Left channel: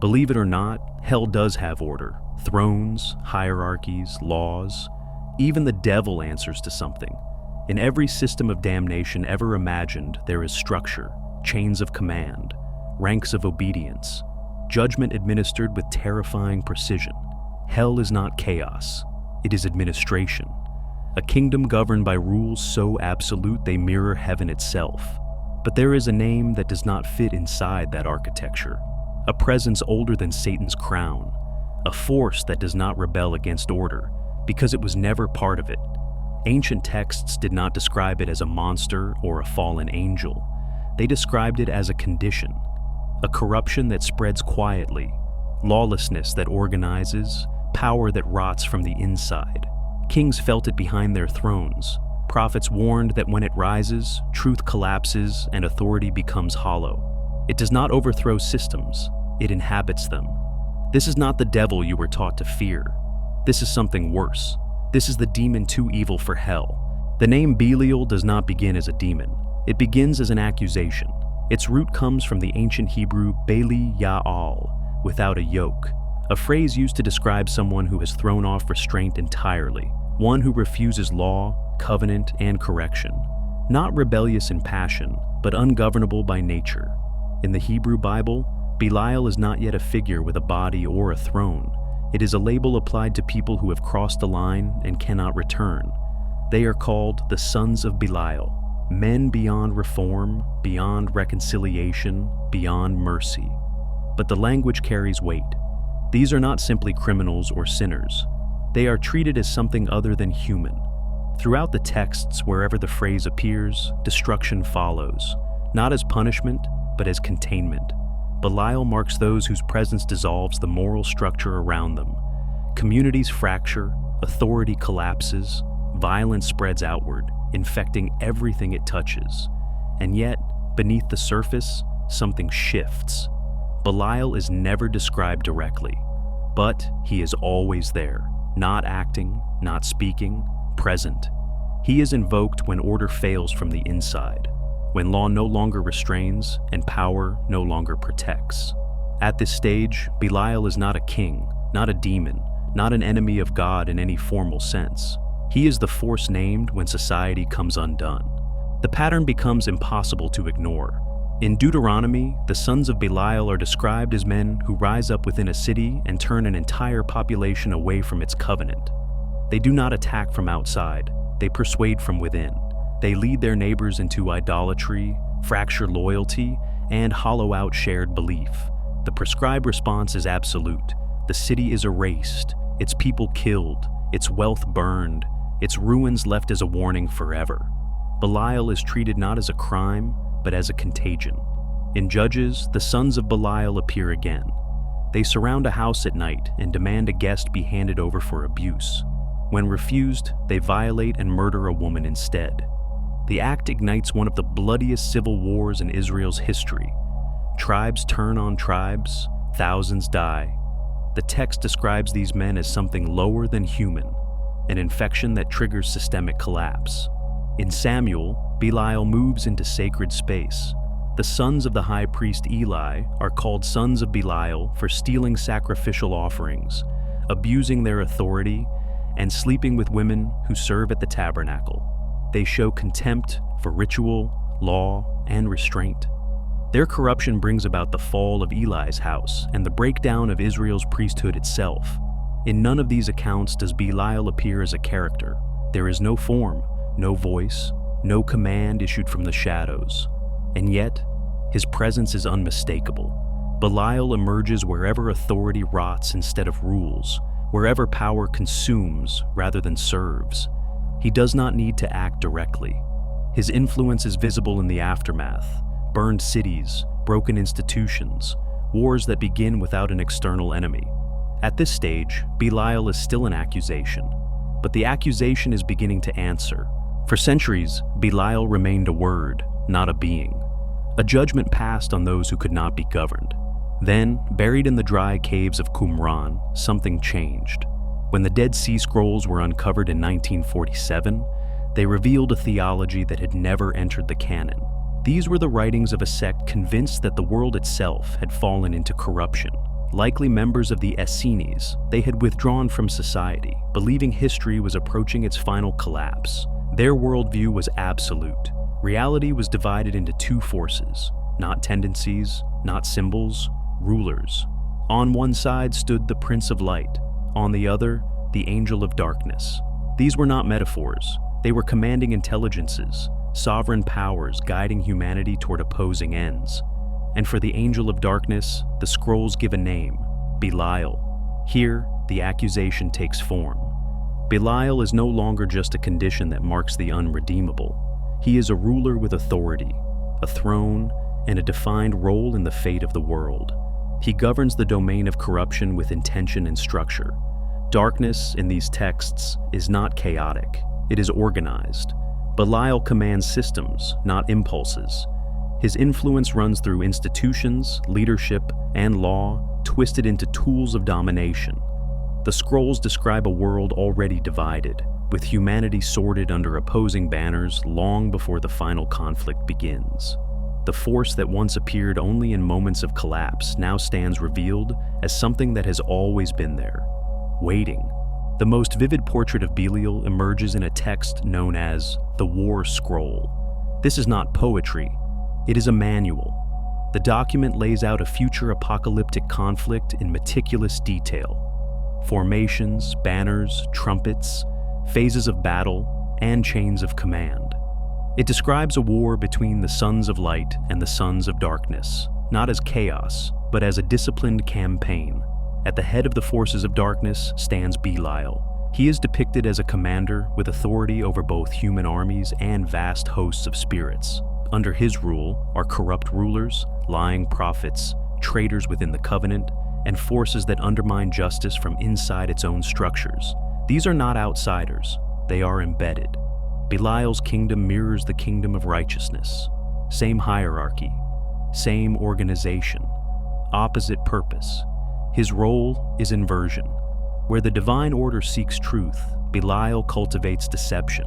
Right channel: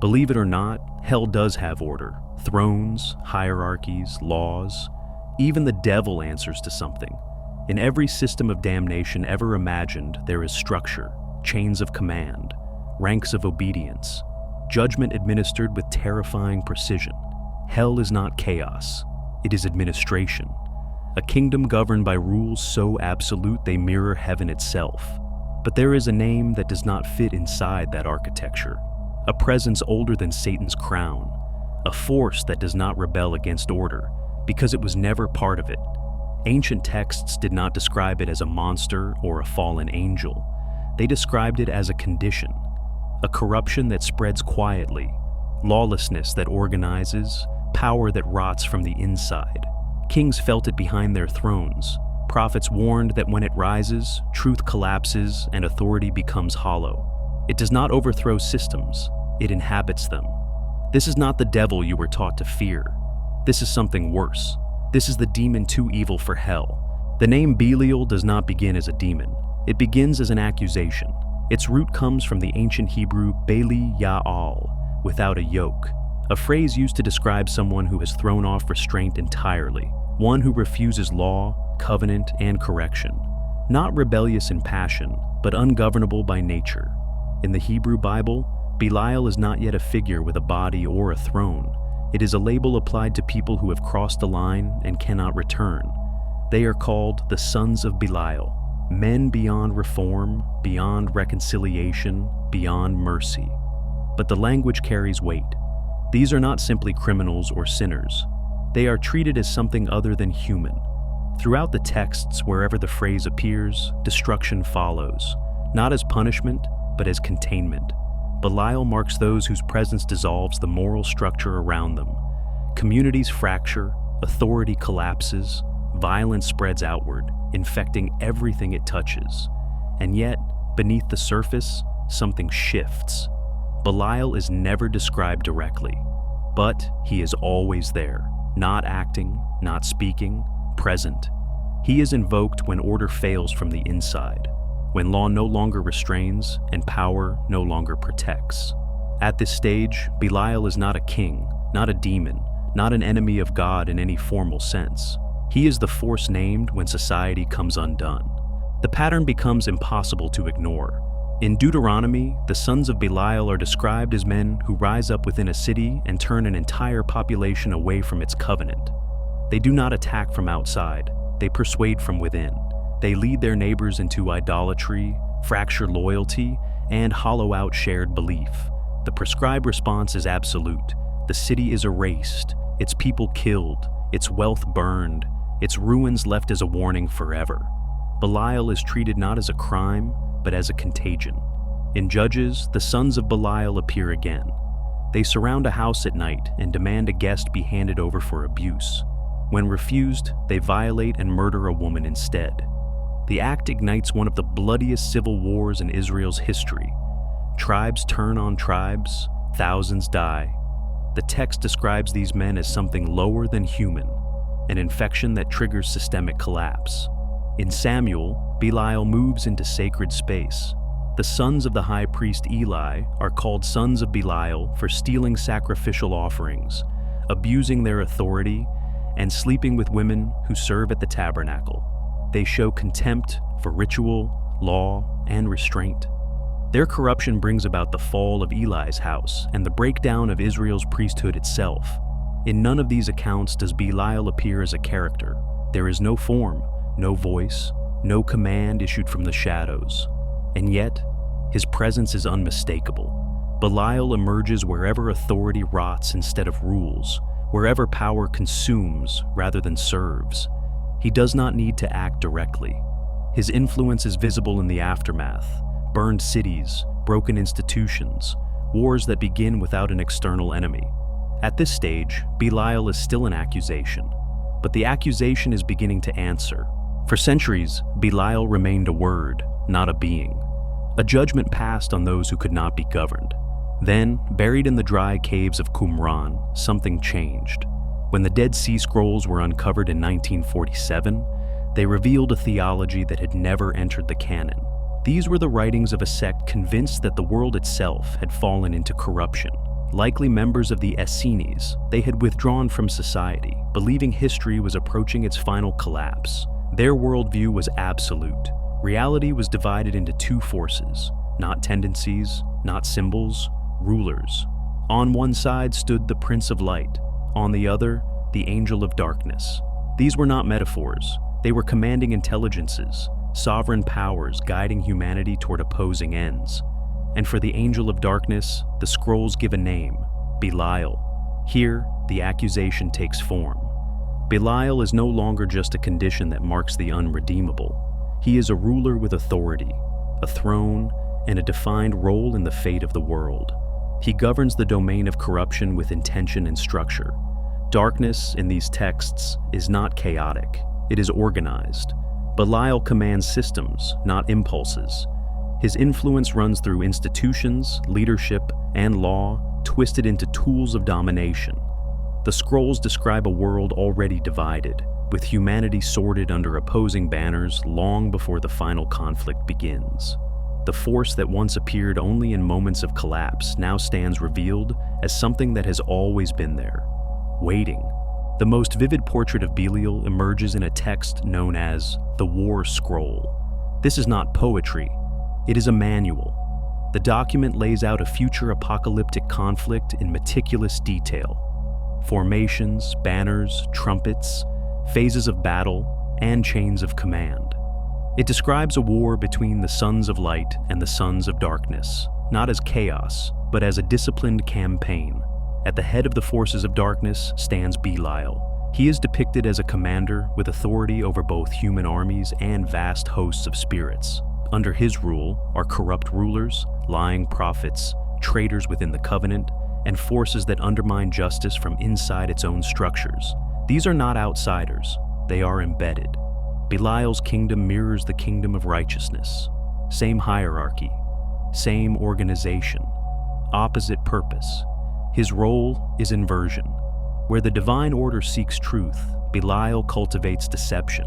Believe it or not, hell does have order. Thrones, hierarchies, laws. Even the devil answers to something. In every system of damnation ever imagined, there is structure, chains of command, ranks of obedience, judgment administered with terrifying precision. Hell is not chaos, it is administration. A kingdom governed by rules so absolute they mirror heaven itself. But there is a name that does not fit inside that architecture, a presence older than Satan's crown, a force that does not rebel against order because it was never part of it. Ancient texts did not describe it as a monster or a fallen angel. They described it as a condition, a corruption that spreads quietly, lawlessness that organizes, power that rots from the inside. Kings felt it behind their thrones. Prophets warned that when it rises, truth collapses and authority becomes hollow. It does not overthrow systems, it inhabits them. This is not the devil you were taught to fear. This is something worse. This is the demon too evil for hell. The name Belial does not begin as a demon. It begins as an accusation. Its root comes from the ancient Hebrew Belial, without a yoke, a phrase used to describe someone who has thrown off restraint entirely, one who refuses law, covenant, and correction. Not rebellious in passion, but ungovernable by nature. In the Hebrew Bible, Belial is not yet a figure with a body or a throne. It is a label applied to people who have crossed the line and cannot return. They are called the sons of Belial, men beyond reform, beyond reconciliation, beyond mercy. But the language carries weight. These are not simply criminals or sinners. They are treated as something other than human. Throughout the texts, wherever the phrase appears, destruction follows, not as punishment, but as containment. Belial marks those whose presence dissolves the moral structure around them. Communities fracture, authority collapses, violence spreads outward, infecting everything it touches. And yet, beneath the surface, something shifts. Belial is never described directly, but he is always there, not acting, not speaking, present. He is invoked when order fails from the inside, when law no longer restrains and power no longer protects. At this stage, Belial is not a king, not a demon, not an enemy of God in any formal sense. He is the force named when society comes undone. The pattern becomes impossible to ignore. In Deuteronomy, the sons of Belial are described as men who rise up within a city and turn an entire population away from its covenant. They do not attack from outside, they persuade from within. They lead their neighbors into idolatry, fracture loyalty, and hollow out shared belief. The prescribed response is absolute. The city is erased, its people killed, its wealth burned, its ruins left as a warning forever. Belial is treated not as a crime, but as a contagion. In Judges, the sons of Belial appear again. They surround a house at night and demand a guest be handed over for abuse. When refused, they violate and murder a woman instead. The act ignites one of the bloodiest civil wars in Israel's history. Tribes turn on tribes, thousands die. The text describes these men as something lower than human, an infection that triggers systemic collapse. In Samuel, Belial moves into sacred space. The sons of the high priest Eli are called sons of Belial for stealing sacrificial offerings, abusing their authority, and sleeping with women who serve at the tabernacle. They show contempt for ritual, law, and restraint. Their corruption brings about the fall of Eli's house and the breakdown of Israel's priesthood itself. In none of these accounts does Belial appear as a character. There is no form, no voice, no command issued from the shadows. And yet, his presence is unmistakable. Belial emerges wherever authority rots instead of rules, wherever power consumes rather than serves. He does not need to act directly. His influence is visible in the aftermath: burned cities, broken institutions, wars that begin without an external enemy. At this stage, Belial is still an accusation, but the accusation is beginning to answer. For centuries, Belial remained a word, not a being. A judgment passed on those who could not be governed. Then, buried in the dry caves of Qumran, something changed. When the Dead Sea Scrolls were uncovered in 1947, they revealed a theology that had never entered the canon. These were the writings of a sect convinced that the world itself had fallen into corruption. Likely members of the Essenes, they had withdrawn from society, believing history was approaching its final collapse. Their worldview was absolute. Reality was divided into two forces, not tendencies, not symbols, rulers. On one side stood the Prince of Light, on the other, the Angel of Darkness. These were not metaphors. They were commanding intelligences, sovereign powers guiding humanity toward opposing ends. And for the Angel of Darkness, the scrolls give a name, Belial. Here, the accusation takes form. Belial is no longer just a condition that marks the unredeemable. He is a ruler with authority, a throne, and a defined role in the fate of the world. He governs the domain of corruption with intention and structure. Darkness, in these texts, is not chaotic. It is organized. Belial commands systems, not impulses. His influence runs through institutions, leadership, and law, twisted into tools of domination. The scrolls describe a world already divided, with humanity sorted under opposing banners long before the final conflict begins. The force that once appeared only in moments of collapse now stands revealed as something that has always been there, waiting. The most vivid portrait of Belial emerges in a text known as the War Scroll. This is not poetry. It is a manual. The document lays out a future apocalyptic conflict in meticulous detail. Formations, banners, trumpets, phases of battle, and chains of command. It describes a war between the sons of light and the sons of darkness, not as chaos, but as a disciplined campaign. At the head of the forces of darkness stands Belial. He is depicted as a commander with authority over both human armies and vast hosts of spirits. Under his rule are corrupt rulers, lying prophets, traitors within the covenant, and forces that undermine justice from inside its own structures. These are not outsiders, they are embedded. Belial's kingdom mirrors the kingdom of righteousness. Same hierarchy, same organization, opposite purpose. His role is inversion. Where the divine order seeks truth, Belial cultivates deception.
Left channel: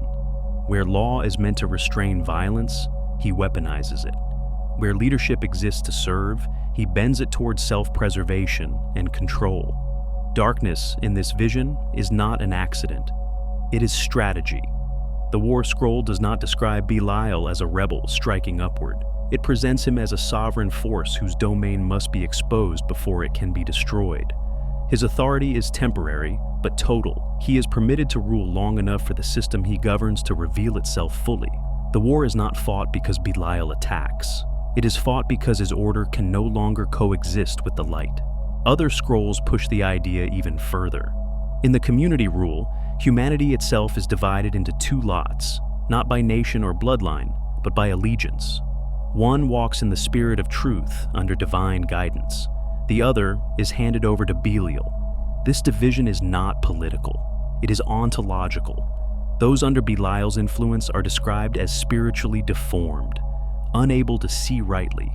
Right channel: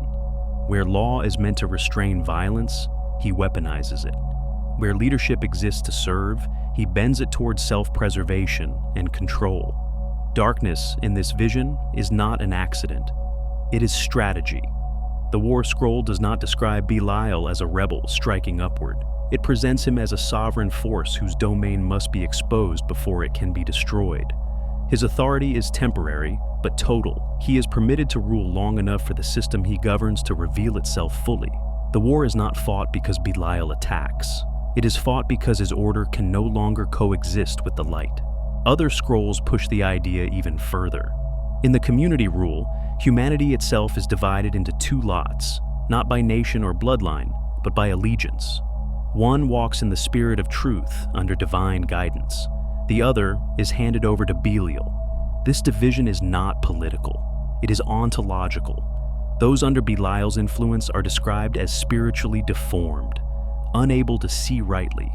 Where law is meant to restrain violence, he weaponizes it. Where leadership exists to serve, he bends it towards self-preservation and control. Darkness in this vision is not an accident. It is strategy. The War Scroll does not describe Belial as a rebel striking upward. It presents him as a sovereign force whose domain must be exposed before it can be destroyed. His authority is temporary, but total. He is permitted to rule long enough for the system he governs to reveal itself fully. The war is not fought because Belial attacks. It is fought because his order can no longer coexist with the light. Other scrolls push the idea even further. In the community rule, humanity itself is divided into two lots, not by nation or bloodline, but by allegiance. One walks in the spirit of truth under divine guidance. The other is handed over to Belial. This division is not political. It is ontological. Those under Belial's influence are described as spiritually deformed, unable to see rightly,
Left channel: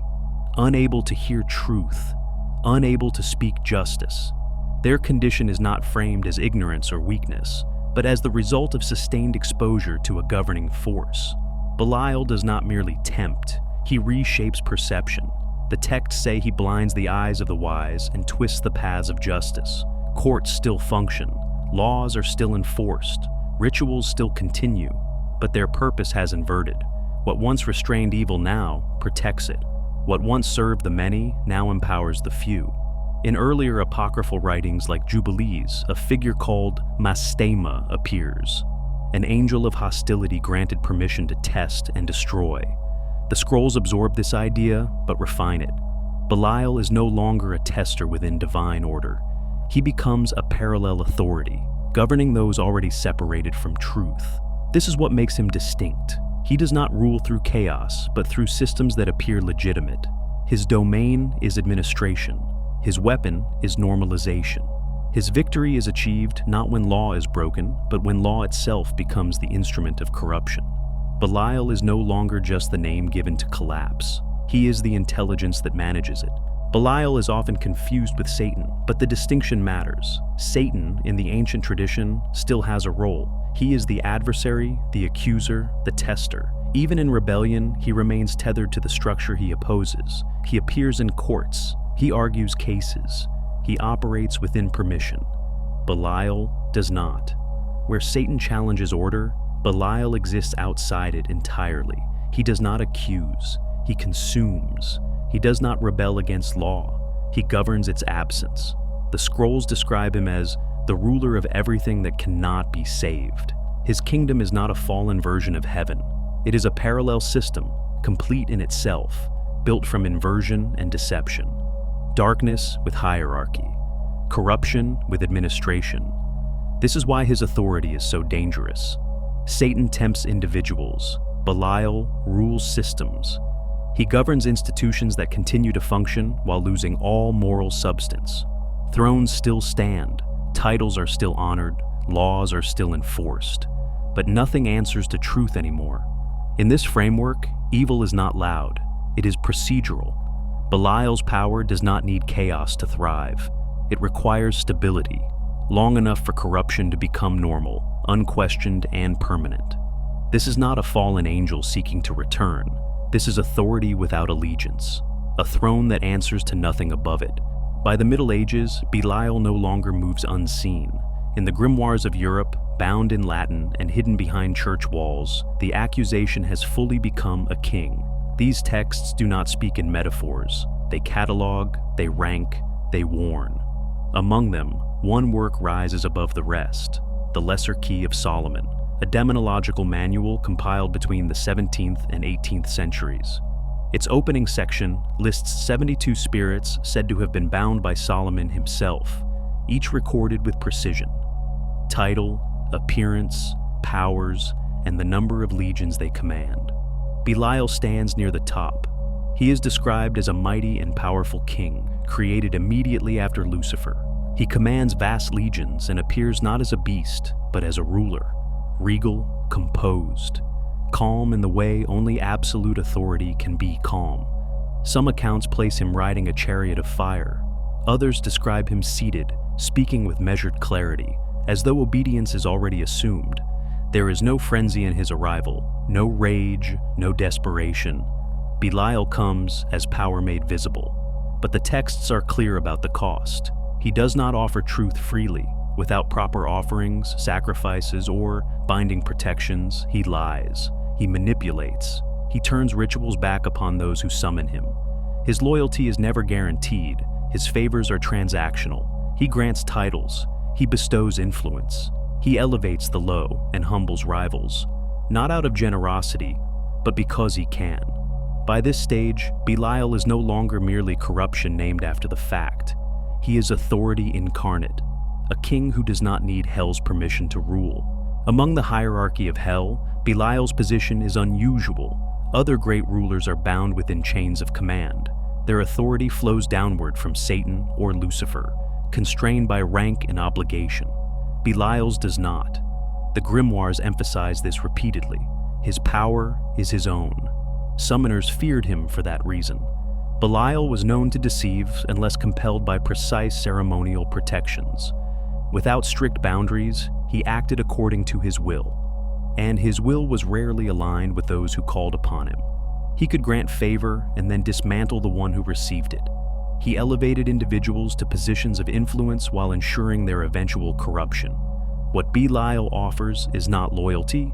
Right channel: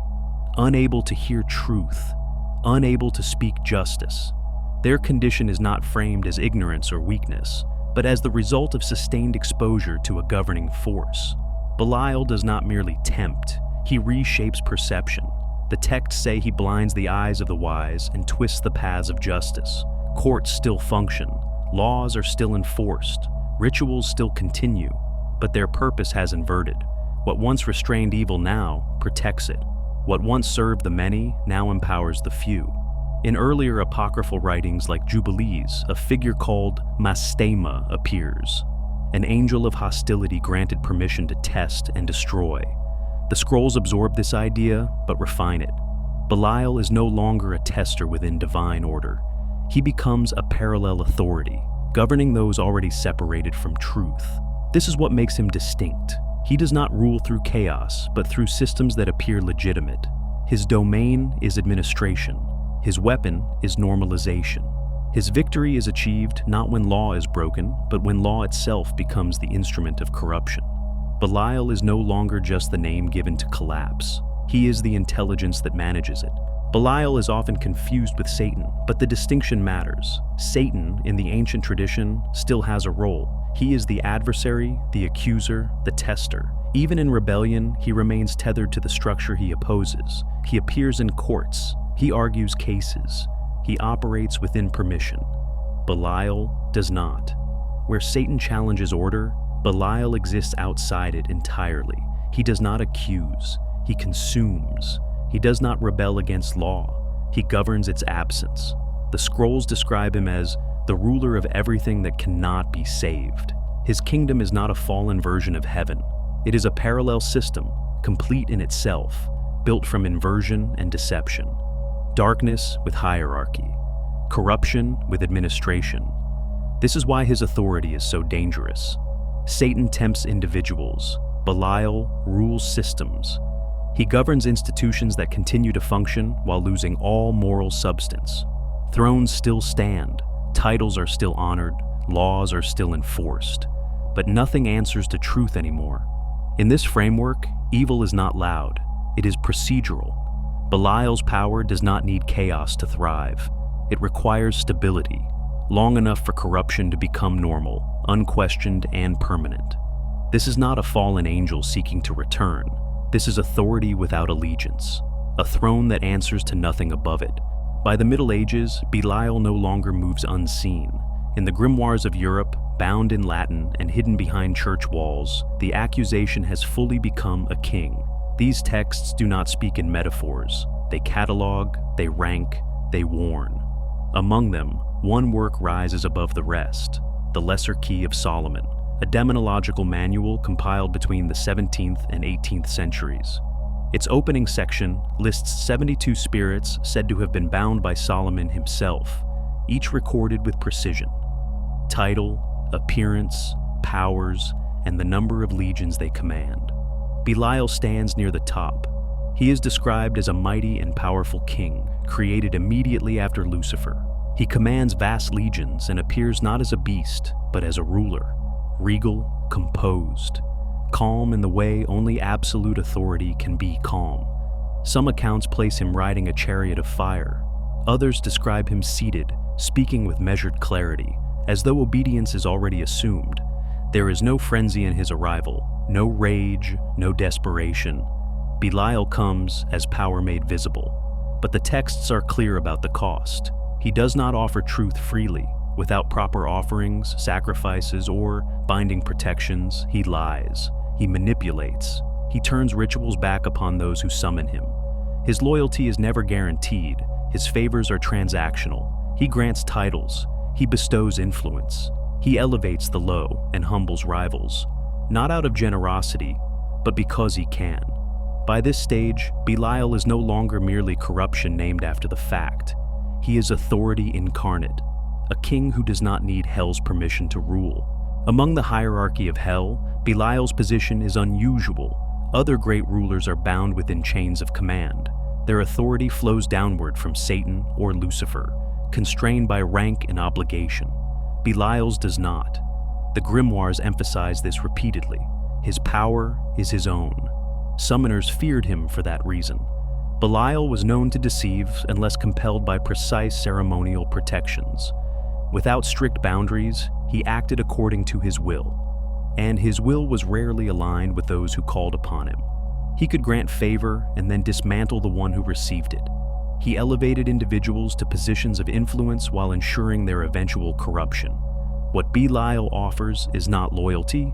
unable to hear truth, unable to speak justice. Their condition is not framed as ignorance or weakness, but as the result of sustained exposure to a governing force. Belial does not merely tempt, he reshapes perception. The texts say he blinds the eyes of the wise and twists the paths of justice. Courts still function, laws are still enforced, rituals still continue, but their purpose has inverted. What once restrained evil now protects it. What once served the many now empowers the few. In earlier apocryphal writings like Jubilees, a figure called Mastema appears. An angel of hostility granted permission to test and destroy. The scrolls absorb this idea, but refine it. Belial is no longer a tester within divine order. He becomes a parallel authority, governing those already separated from truth. This is what makes him distinct. He does not rule through chaos, but through systems that appear legitimate. His domain is administration. His weapon is normalization. His victory is achieved not when law is broken, but when law itself becomes the instrument of corruption. Belial is no longer just the name given to collapse. He is the intelligence that manages it. Belial is often confused with Satan, but the distinction matters. Satan, in the ancient tradition, still has a role. He is the adversary, the accuser, the tester. Even in rebellion, he remains tethered to the structure he opposes. He appears in courts. He argues cases. He operates within permission. Belial does not. Where Satan challenges order, Belial exists outside it entirely. He does not accuse. He consumes. He does not rebel against law. He governs its absence. The scrolls describe him as the ruler of everything that cannot be saved. His kingdom is not a fallen version of heaven. It is a parallel system, complete in itself, built from inversion and deception. Darkness with hierarchy. Corruption with administration. This is why his authority is so dangerous. Satan tempts individuals. Belial rules systems. He governs institutions that continue to function while losing all moral substance. Thrones still stand, titles are still honored, laws are still enforced, but nothing answers to truth anymore. In this framework, evil is not loud, it is procedural. Belial's power does not need chaos to thrive. It requires stability, long enough for corruption to become normal, unquestioned and permanent. This is not a fallen angel seeking to return. This is authority without allegiance, a throne that answers to nothing above it. By the Middle Ages, Belial no longer moves unseen. In the grimoires of Europe, bound in Latin and hidden behind church walls, the accusation has fully become a king. These texts do not speak in metaphors. They catalog, they rank, they warn. Among them, one work rises above the rest, the Lesser Key of Solomon, a demonological manual compiled between the 17th and 18th centuries. Its opening section lists 72 spirits said to have been bound by Solomon himself, each recorded with precision. Title, appearance, powers, and the number of legions they command. Belial stands near the top. He is described as a mighty and powerful king, created immediately after Lucifer. He commands vast legions and appears not as a beast, but as a ruler, regal, composed, calm in the way only absolute authority can be calm. Some accounts place him riding a chariot of fire. Others describe him seated, speaking with measured clarity, as though obedience is already assumed. There is no frenzy in his arrival, no rage, no desperation. Belial comes as power made visible. But the texts are clear about the cost. He does not offer truth freely. Without proper offerings, sacrifices, or binding protections, he lies. He manipulates. He turns rituals back upon those who summon him. His loyalty is never guaranteed. His favors are transactional. He grants titles. He bestows influence. He elevates the low and humbles rivals, not out of generosity, but because he can. By this stage, Belial is no longer merely corruption named after the fact. He is authority incarnate, a king who does not need hell's permission to rule. Among the hierarchy of hell, Belial's position is unusual. Other great rulers are bound within chains of command. Their authority flows downward from Satan or Lucifer, constrained by rank and obligation. Belial's does not. The grimoires emphasize this repeatedly. His power is his own. Summoners feared him for that reason. Belial was known to deceive unless compelled by precise ceremonial protections. Without strict boundaries, he acted according to his will, and his will was rarely aligned with those who called upon him. He could grant favor and then dismantle the one who received it. He elevated individuals to positions of influence while ensuring their eventual corruption. What Belial offers is not loyalty,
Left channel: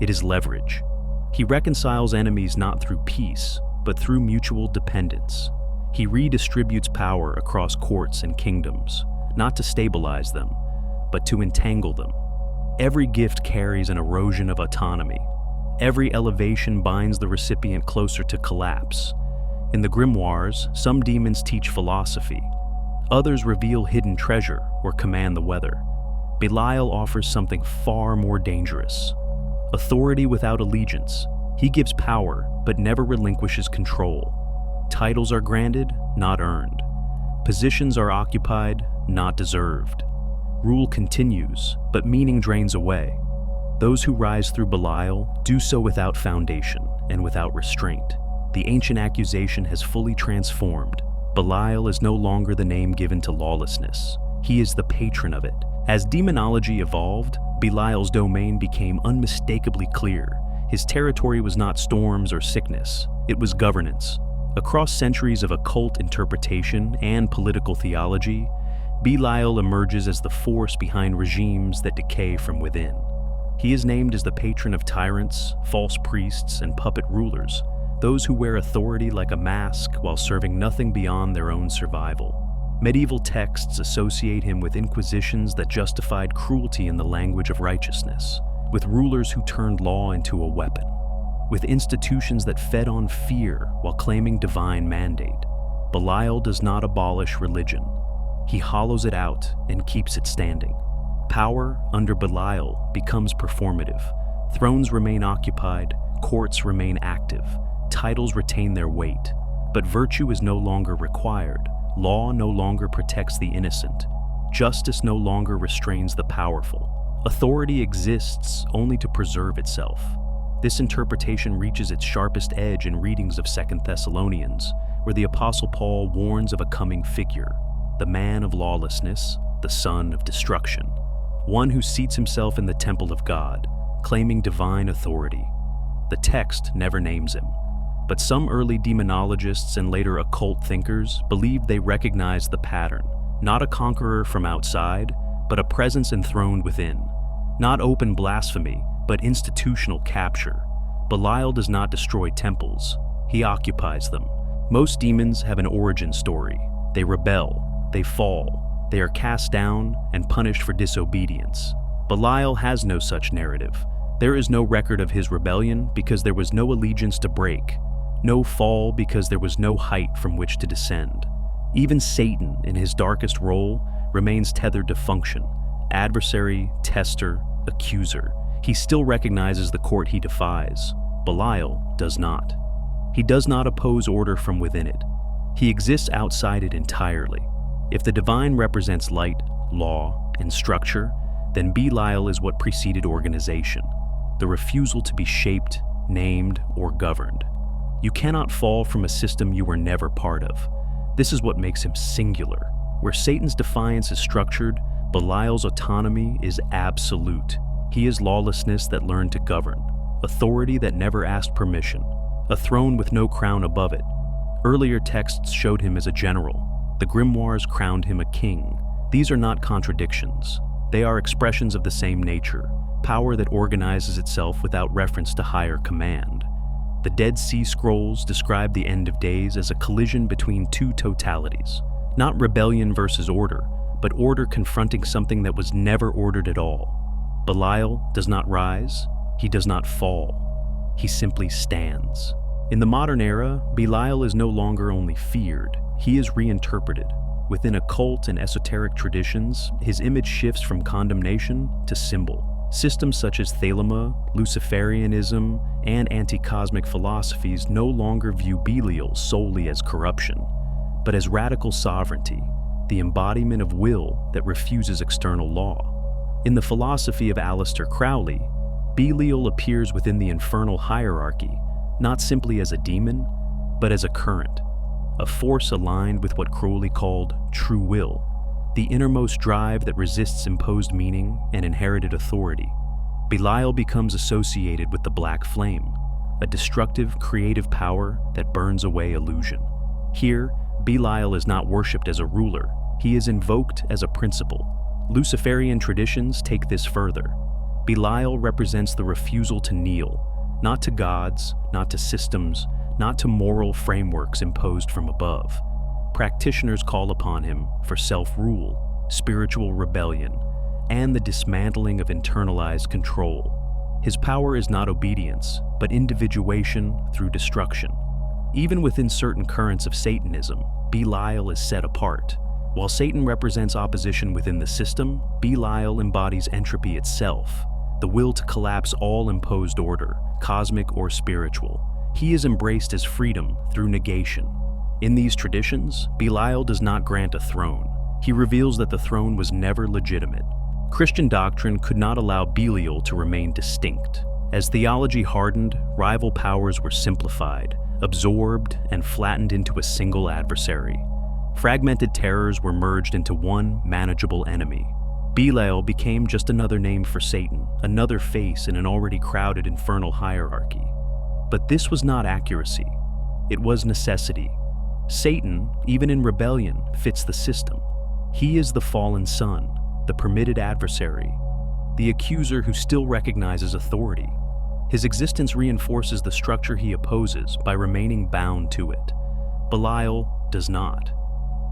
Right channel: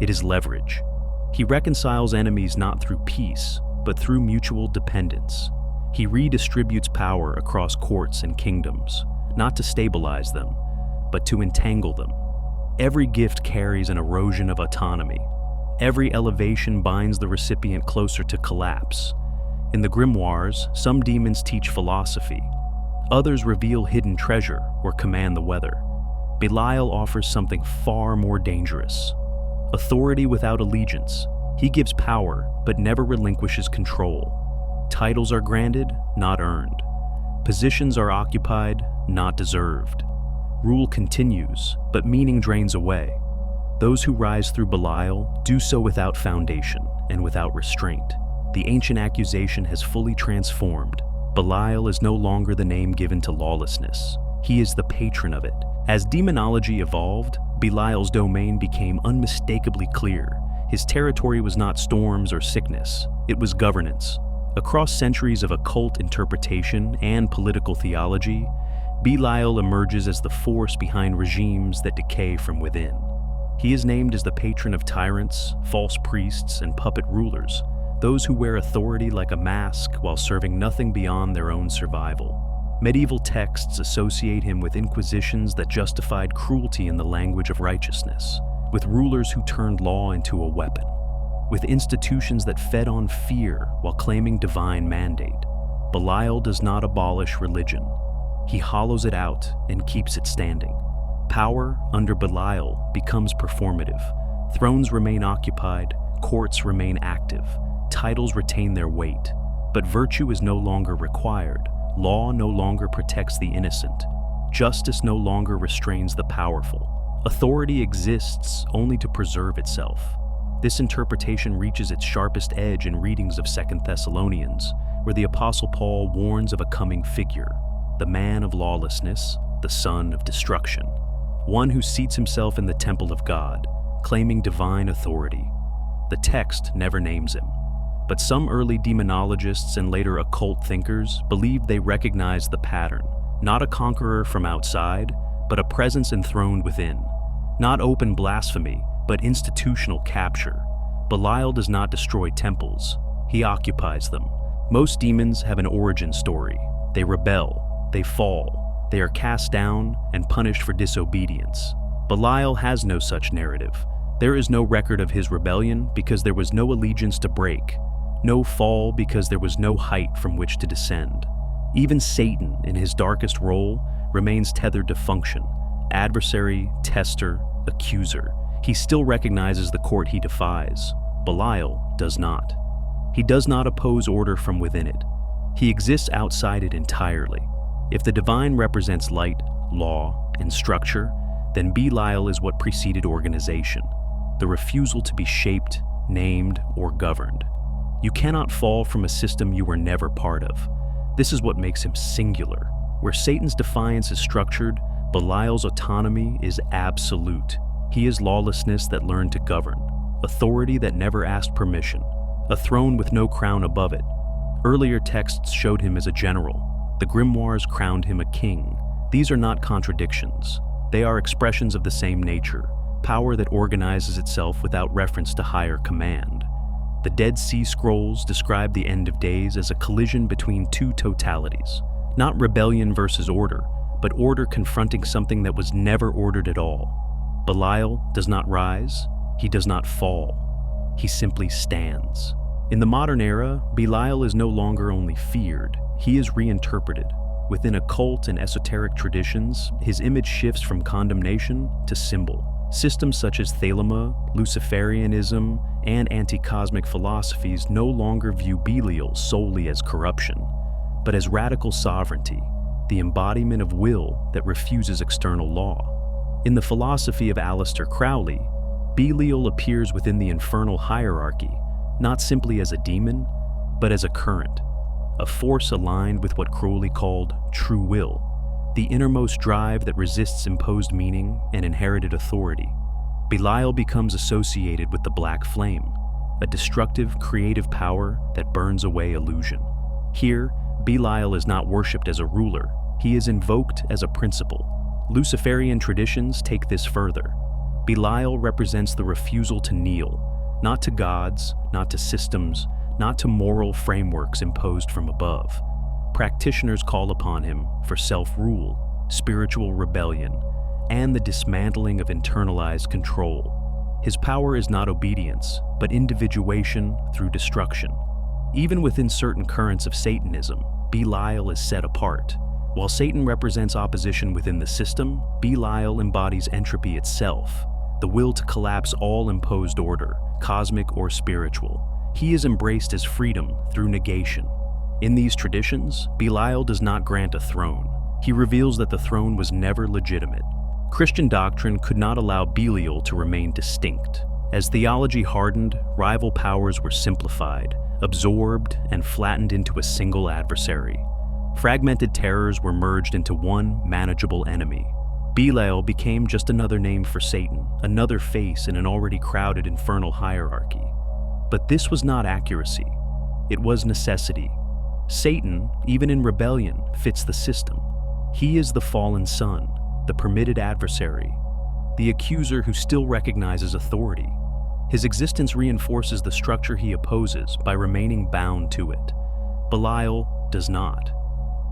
it is leverage. He reconciles enemies not through peace, but through mutual dependence. He redistributes power across courts and kingdoms, not to stabilize them, but to entangle them. Every gift carries an erosion of autonomy. Every elevation binds the recipient closer to collapse. In the grimoires, some demons teach philosophy. Others reveal hidden treasure or command the weather. Belial offers something far more dangerous. Authority without allegiance. He gives power, but never relinquishes control. Titles are granted, not earned. Positions are occupied, not deserved. Rule continues, but meaning drains away. Those who rise through Belial do so without foundation and without restraint. The ancient accusation has fully transformed. Belial is no longer the name given to lawlessness. He is the patron of it. As demonology evolved, Belial's domain became unmistakably clear. His territory was not storms or sickness, it was governance. Across centuries of occult interpretation and political theology, Belial emerges as the force behind regimes that decay from within. He is named as the patron of tyrants, false priests, and puppet rulers, those who wear authority like a mask while serving nothing beyond their own survival. Medieval texts associate him with inquisitions that justified cruelty in the language of righteousness, with rulers who turned law into a weapon, with institutions that fed on fear while claiming divine mandate. Belial does not abolish religion. He hollows it out and keeps it standing. Power under Belial becomes performative. Thrones remain occupied, courts remain active, titles retain their weight, but virtue is no longer required. Law no longer protects the innocent. Justice no longer restrains the powerful. Authority exists only to preserve itself. This interpretation reaches its sharpest edge in readings of 2 Thessalonians, where the Apostle Paul warns of a coming figure, the man of lawlessness, the son of destruction, one who seats himself in the temple of God, claiming divine authority. The text never names him, but some early demonologists and later occult thinkers believed they recognized the pattern, not a conqueror from outside, but a presence enthroned within. Not open blasphemy, but institutional capture. Belial does not destroy temples, he occupies them. Most demons have an origin story. They rebel, they fall, they are cast down and punished for disobedience. Belial has no such narrative. There is no record of his rebellion because there was no allegiance to break, no fall because there was no height from which to descend. Even Satan, in his darkest role, remains tethered to function. Adversary, tester, accuser. He still recognizes the court he defies. Belial does not. He does not oppose order from within it. He exists outside it entirely. If the divine represents light, law, and structure, then Belial is what preceded organization, the refusal to be shaped, named, or governed. You cannot fall from a system you were never part of. This is what makes him singular. Where Satan's defiance is structured, Belial's autonomy is absolute. He is lawlessness that learned to govern, authority that never asked permission, a throne with no crown above it. Earlier texts showed him as a general. The grimoires crowned him a king. These are not contradictions. They are expressions of the same nature, power that organizes itself without reference to higher command. The Dead Sea Scrolls describe the end of days as a collision between two totalities, not rebellion versus order, but order confronting something that was never ordered at all. Belial does not rise, he does not fall, he simply stands. In the modern era, Belial is no longer only feared, he is reinterpreted. Within occult and esoteric traditions, his image shifts from condemnation to symbol. Systems such as Thelema, Luciferianism, and anti-cosmic philosophies no longer view Belial solely as corruption, but as radical sovereignty, the embodiment of will that refuses external law. In the philosophy of Aleister Crowley, Belial appears within the infernal hierarchy, not simply as a demon, but as a current, a force aligned with what Crowley called true will, the innermost drive that resists imposed meaning and inherited authority. Belial becomes associated with the black flame, a destructive, creative power that burns away illusion. Here, Belial is not worshipped as a ruler, he is invoked as a principle. Luciferian traditions take this further. Belial represents the refusal to kneel, not to gods, not to systems, not to moral frameworks imposed from above. Practitioners call upon him for self-rule, spiritual rebellion, and the dismantling of internalized control. His power is not obedience, but individuation through destruction. Even within certain currents of Satanism, Belial is set apart. While Satan represents opposition within the system, Belial embodies entropy itself, the will to collapse all imposed order, cosmic or spiritual. He is embraced as freedom through negation. In these traditions, Belial does not grant a throne. He reveals that the throne was never legitimate. Christian doctrine could not allow Belial to remain distinct. As theology hardened, rival powers were simplified, absorbed, and flattened into a single adversary. Fragmented terrors were merged into one manageable enemy. Belial became just another name for Satan, another face in an already crowded infernal hierarchy. But this was not accuracy. It was necessity. Satan, even in rebellion, fits the system. He is the fallen son, the permitted adversary, the accuser who still recognizes authority. His existence reinforces the structure he opposes by remaining bound to it. Belial does not.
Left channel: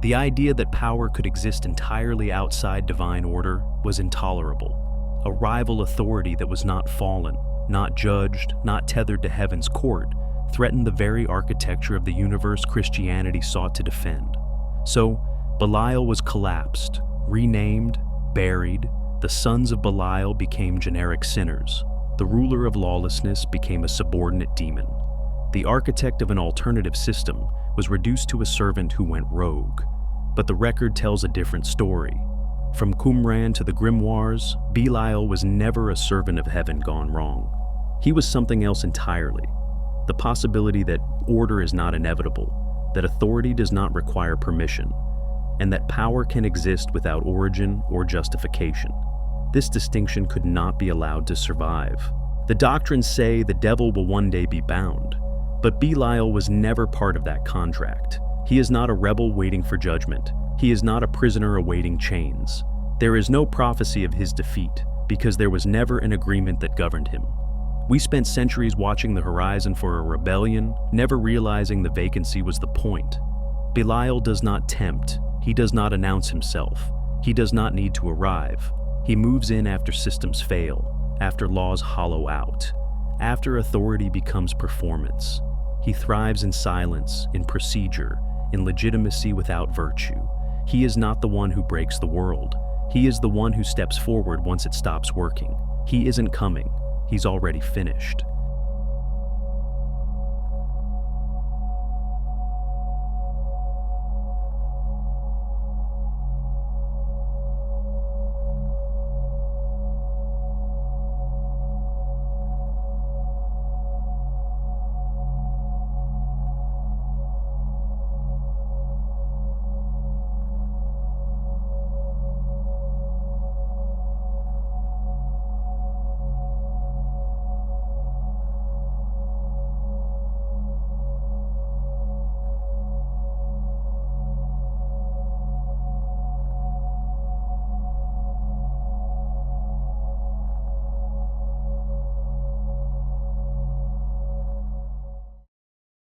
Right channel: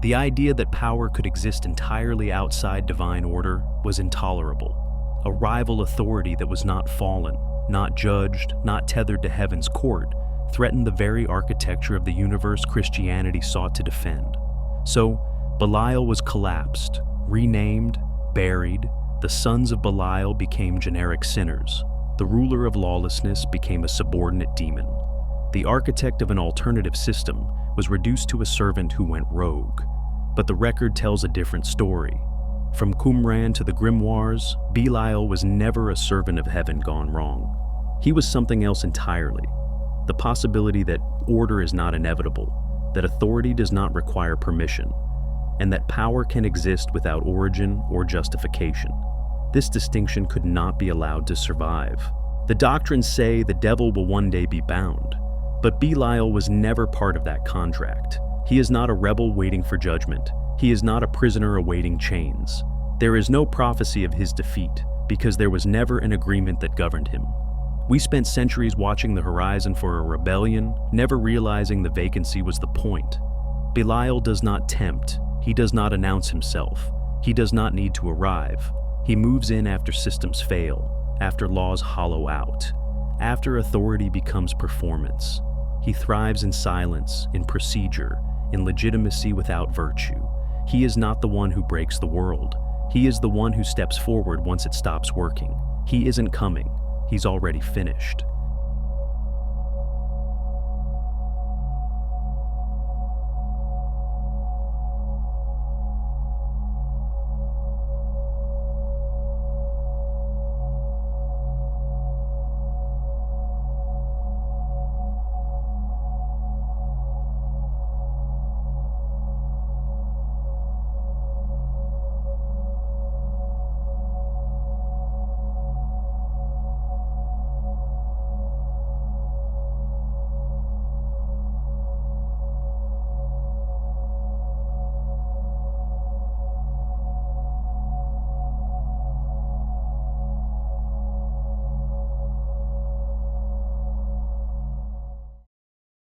The idea that power could exist entirely outside divine order was intolerable. A rival authority that was not fallen, not judged, not tethered to heaven's court, threatened the very architecture of the universe Christianity sought to defend. So, Belial was collapsed, renamed, buried. The sons of Belial became generic sinners. The ruler of lawlessness became a subordinate demon. The architect of an alternative system was reduced to a servant who went rogue. But the record tells a different story. From Qumran to the Grimoirs, Belial was never a servant of heaven gone wrong. He was something else entirely. The possibility that order is not inevitable, that authority does not require permission, and that power can exist without origin or justification. This distinction could not be allowed to survive. The doctrines say the devil will one day be bound, but Belial was never part of that contract. He is not a rebel waiting for judgment. He is not a prisoner awaiting chains. There is no prophecy of his defeat, because there was never an agreement that governed him. We spent centuries watching the horizon for a rebellion, never realizing the vacancy was the point. Belial does not tempt. He does not announce himself. He does not need to arrive. He moves in after systems fail, after laws hollow out, after authority becomes performance. He thrives in silence, in procedure, in legitimacy without virtue. He is not the one who breaks the world. He is the one who steps forward once it stops working. He isn't coming. He's already finished.